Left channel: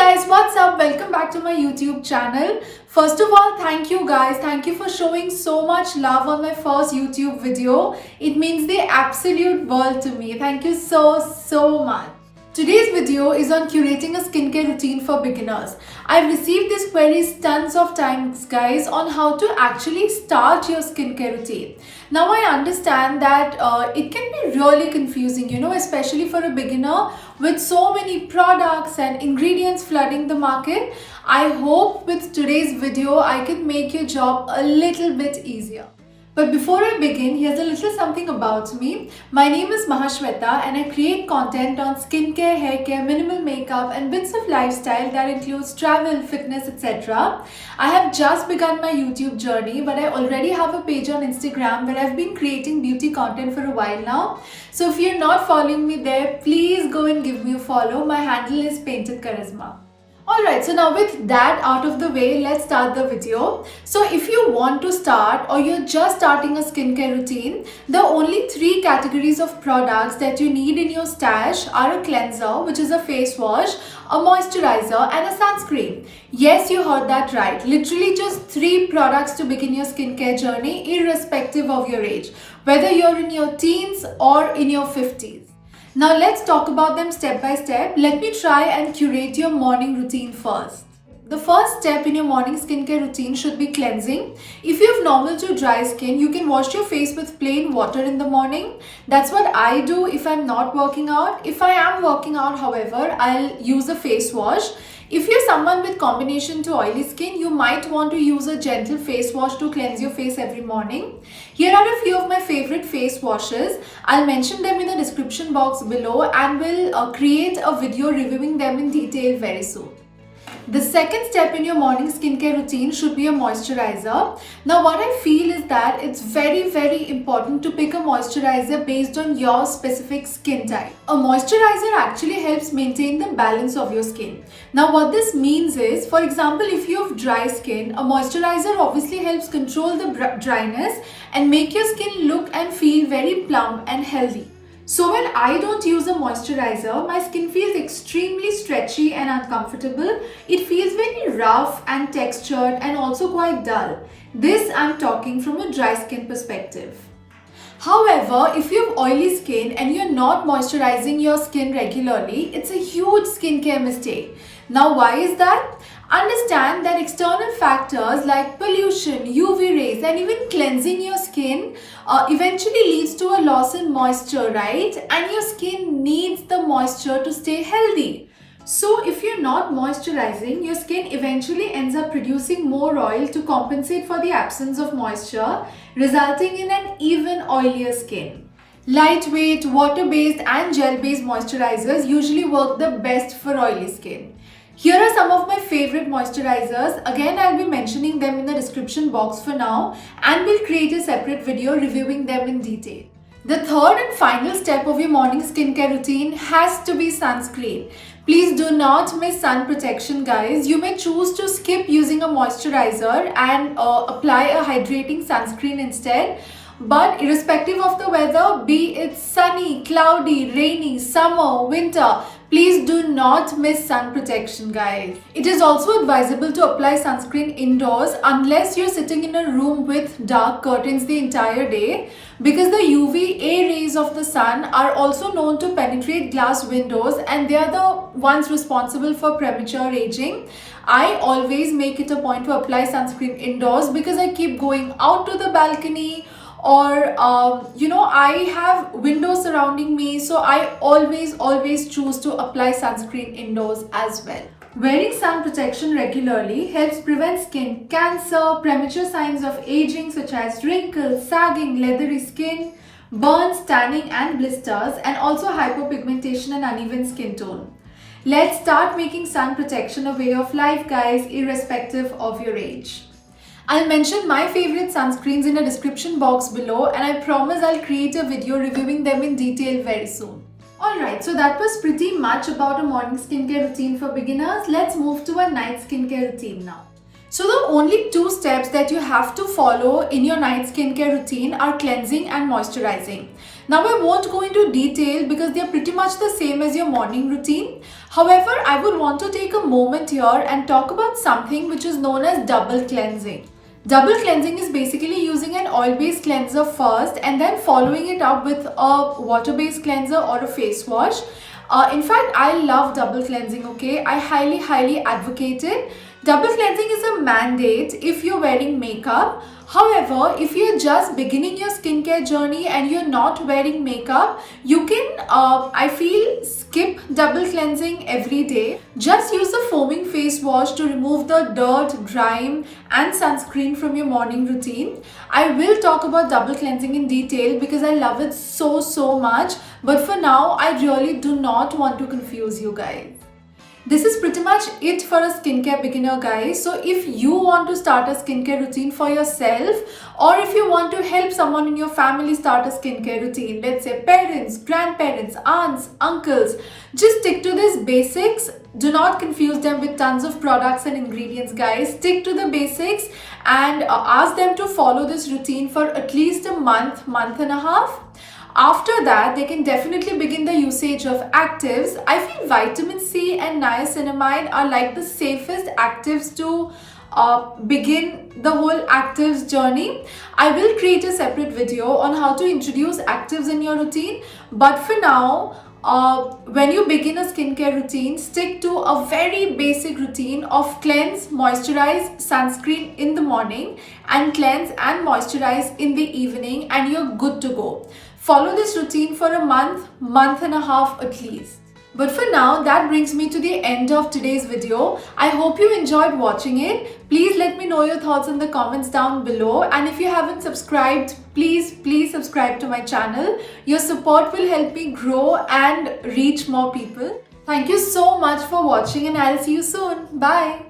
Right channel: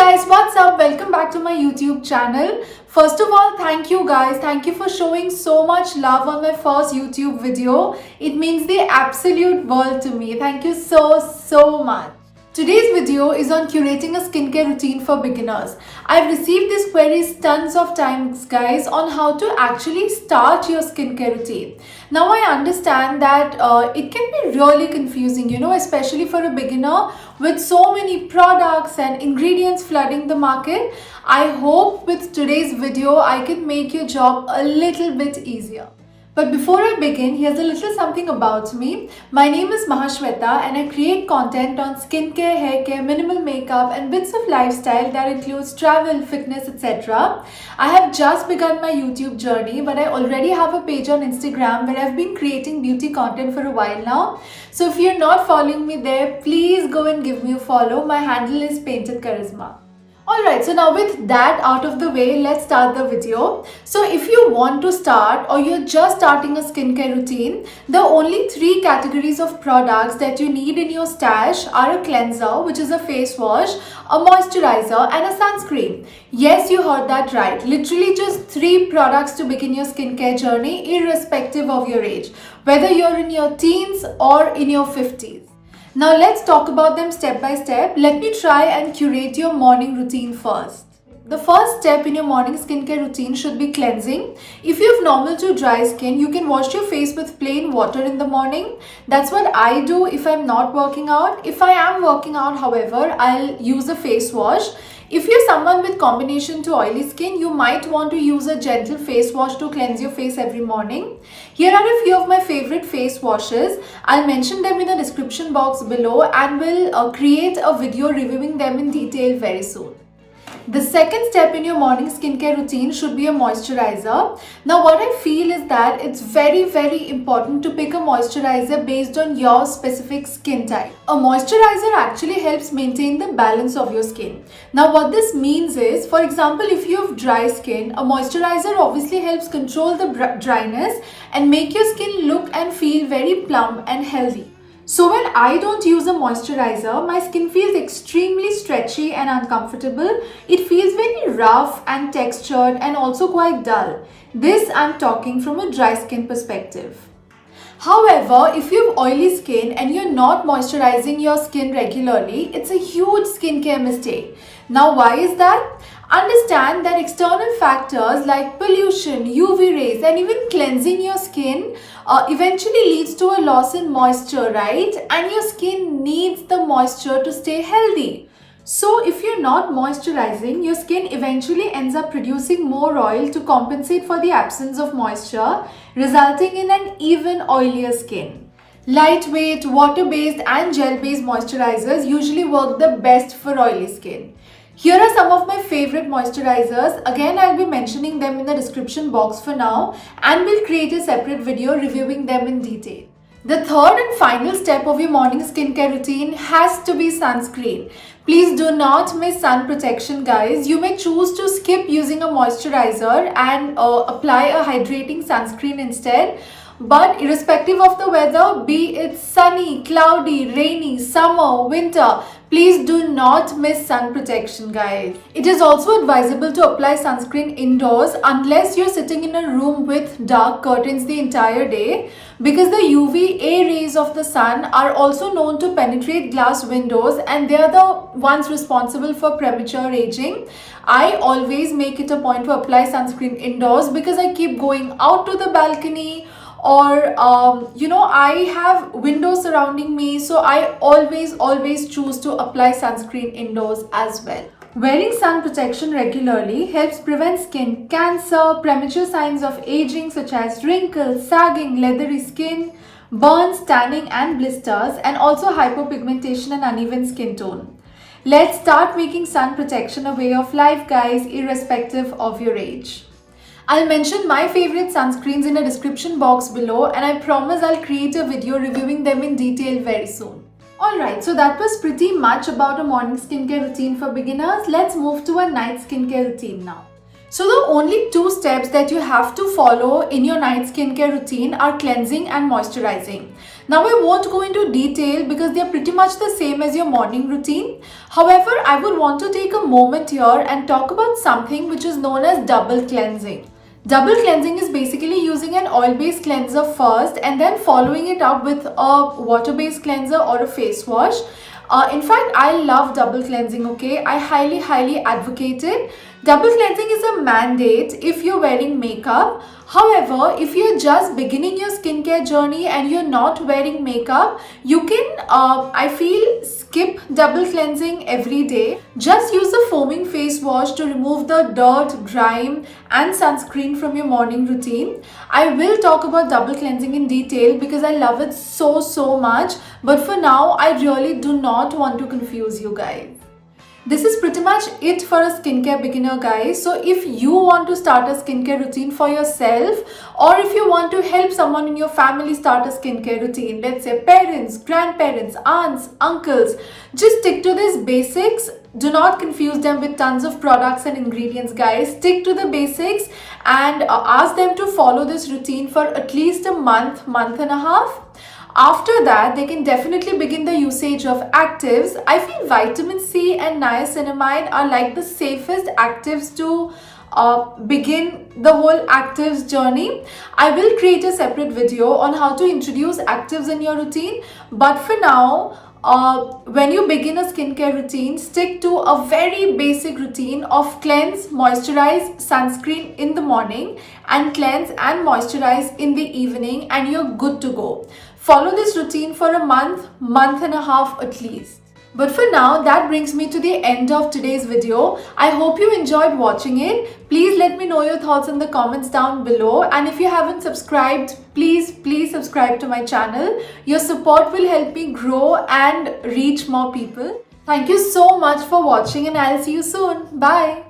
guys, what's up? Welcome back to my YouTube channel. First of all, thank you guys. Thank you for showing so much love on my first YouTube video. It means the absolute world to me. Thank you so much. Today's video is on curating a skincare routine for beginners. I've received these queries tons of times guys on how to actually start your skincare routine. Now I understand that it can be really confusing, especially for a beginner with so many products and ingredients flooding the market. I hope with today's video I can make your job a little bit easier. But before I begin, here's a little something about me. My name is Mahasweta and I create content on skincare, hair care, minimal makeup and bits of lifestyle that includes travel, fitness, etc. I have just begun my YouTube journey, but I already have a page on Instagram where I've been creating beauty content for a while now. So if you're not following me there, please go and give me a follow. My handle is Painted Charisma. Alright, so now with that out of the way, let's start the video. So if you want to start or you're just starting a skincare routine, the only three categories of products that you need in your stash are a cleanser, which is a face wash, a moisturizer and a sunscreen. Yes, you heard that right. Literally just three products to begin your skincare journey irrespective of your age, whether you're in your teens or in your 50s. Now let's talk about them step by step. Let me try and curate your morning routine first. The first step in your morning skincare routine should be cleansing. If you have normal to dry skin, you can wash your face with plain water in the morning. That's what I do if I'm not working out. If I am working out, however, I'll use a face wash. If you're someone with combination to oily skin, you might want to use a gentle face wash to cleanse your face every morning. Here are a few of my favorite face washes. I'll mention them in the description box below and will create a video reviewing them in detail very soon. The second step in your morning skincare routine should be a moisturizer. Now what I feel is that it's very important to pick a moisturizer based on your specific skin type. A moisturizer actually helps maintain the balance of your skin. Now what this means is, for example, if you have dry skin, a moisturizer obviously helps control the dryness and make your skin look and feel very plump and healthy. So when I don't use a moisturizer, my skin feels extremely stretchy and uncomfortable. It feels very rough and textured and also quite dull. This I'm talking from a dry skin perspective. However, if you have oily skin and you're not moisturizing your skin regularly, it's a huge skincare mistake. Now why is that? Understand that external factors like pollution, UV rays and even cleansing your skin eventually leads to a loss in moisture, right? And your skin needs the moisture to stay healthy. So if you're not moisturizing, your skin eventually ends up producing more oil to compensate for the absence of moisture, resulting in an even oilier skin. Lightweight, water-based and gel-based moisturizers usually work the best for oily skin. Here are some of my favorite moisturizers. Again, I'll be mentioning them in the description box for now and will create a separate video reviewing them in detail. The third and final step of your morning skincare routine has to be sunscreen. Please do not miss sun protection, guys. You may choose to skip using a moisturizer and apply a hydrating sunscreen instead. But irrespective of the weather, be it sunny, cloudy, rainy, summer, winter, please do not miss sun protection, guys. It is also advisable to apply sunscreen indoors unless you're sitting in a room with dark curtains the entire day, because the UVA rays of the sun are also known to penetrate glass windows and they are the ones responsible for premature aging. I always make it a point to apply sunscreen indoors because I keep going out to the balcony or I have windows surrounding me, so I always choose to apply sunscreen indoors as well. Wearing sun protection regularly helps prevent skin cancer, premature signs of aging such as wrinkles, sagging, leathery skin, burns, tanning and blisters, and also hypopigmentation and uneven skin tone. Let's start making sun protection a way of life, guys, irrespective of your age. I'll mention my favorite sunscreens in the description box below and I promise I'll create a video reviewing them in detail very soon. Alright, so that was pretty much about a morning skincare routine for beginners. Let's move to a night skincare routine now. So the only two steps that you have to follow in your night skincare routine are cleansing and moisturizing. Now I won't go into detail because they are pretty much the same as your morning routine. However, I would want to take a moment here and talk about something which is known as double cleansing. Double cleansing is basically using an oil-based cleanser first and then following it up with a water-based cleanser or a face wash. In fact, I love double cleansing, okay? I highly advocate it. Double cleansing is a mandate if you're wearing makeup. However, if you're just beginning your skincare journey and you're not wearing makeup, you can, I feel, skip double cleansing every day. Just use a foaming face wash to remove the dirt, grime and sunscreen from your morning routine. I will talk about double cleansing in detail because I love it so much. But for now, I really do not want to confuse you guys. This is pretty much it for a skincare beginner, guys. So if you want to start a skincare routine for yourself, or if you want to help someone in your family start a skincare routine, let's say parents, grandparents, aunts, uncles, just stick to these basics. Do not confuse them with tons of products and ingredients, guys. Stick to the basics and ask them to follow this routine for at least a month and a half. After that, they can definitely begin the usage of actives. I feel vitamin C and niacinamide are like the safest actives to begin the whole actives journey. I will create a separate video on how to introduce actives in your routine. But for now, when you begin a skincare routine, stick to a very basic routine of cleanse, moisturize, sunscreen in the morning and cleanse and moisturize in the evening, and you're good to go. Follow this routine for a month and a half at least. But for now, that brings me to the end of today's video. I hope you enjoyed watching it. Please let me know your thoughts in the comments down below. And if you haven't subscribed, please subscribe to my channel. Your support will help me grow and reach more people. Thank you so much for watching and I'll see you soon. Bye.